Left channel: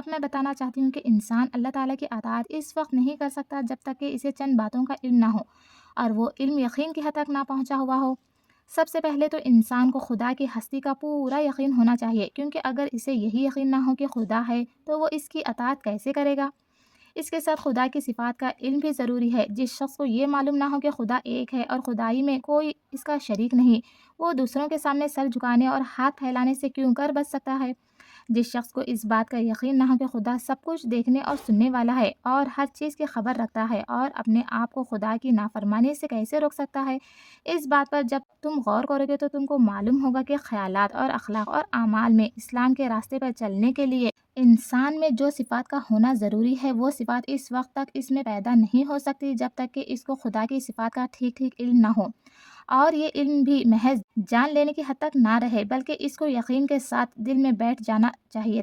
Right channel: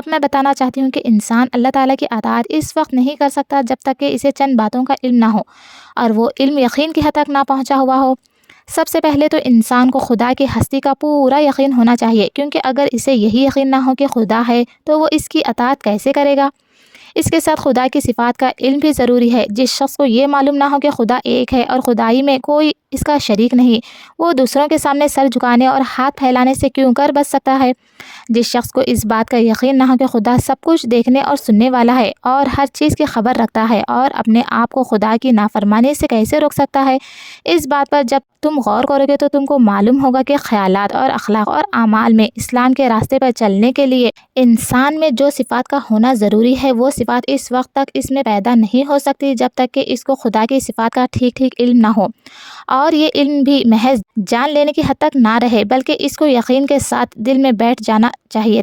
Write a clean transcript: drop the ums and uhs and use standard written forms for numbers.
اب میں بتانا چاہتی ہوں کہ انسان اللہ تعالیٰ کی اطاعت اس وقت نہیں کر سکتا جب تک کہ اسے چند باتوں کا علم نہ ہو اور وہ علم یقین کی حد تک نہ پہنچا ہوا ہو۔ سب سے پہلے تو انسان کو خدا کی ہستی کا پورا یقین ہونا چاہیے، کیونکہ اگر اسے یہی یقین نہ ہو کہ خدا ہے تو وہ اس کی اطاعت کیسے کرے گا؟ اس کے ساتھ خدا کی صفات کا علم بھی ضروری ہے۔ جس شخص کو یہ معلوم نہ ہو کہ خدا ایک ہے اور خدائی میں کوئی اس کا شریک نہیں، وہ دوسروں کے سامنے سر جھکانے اور ہاتھ پھیلانے سے کیوں کر بچ سکتا ہے؟ جس شخص کو اس بات کا یقین نہ ہو کہ خدا سب کچھ دیکھنے اور سننے والا ہے اور ہر چیز کی خبر رکھتا ہے اور اپنے آپ کو خدا کی نافرمانی سے کیسے روک سکتا ہے، اس بات پر جب تم غور کرو گے تو تم کو معلوم ہوگا کہ خیالات اور اخلاق اور اعمال میں اسلام کے راستے پر چلنے کے لیے انسان میں جو صفات کا ہونا ضروری ہے، وہ صفات اس وقت تک اس میں پیدا نہیں ہو سکتی جب تک کہ اس کو خدا کی صفات کا ٹھیک علم نہ ہو، اور یہ علم بھی محض جان لینے کی حد تک نہ رہے بلکہ اس کو یقین کے ساتھ دل میں بیٹھ جانا چاہیے۔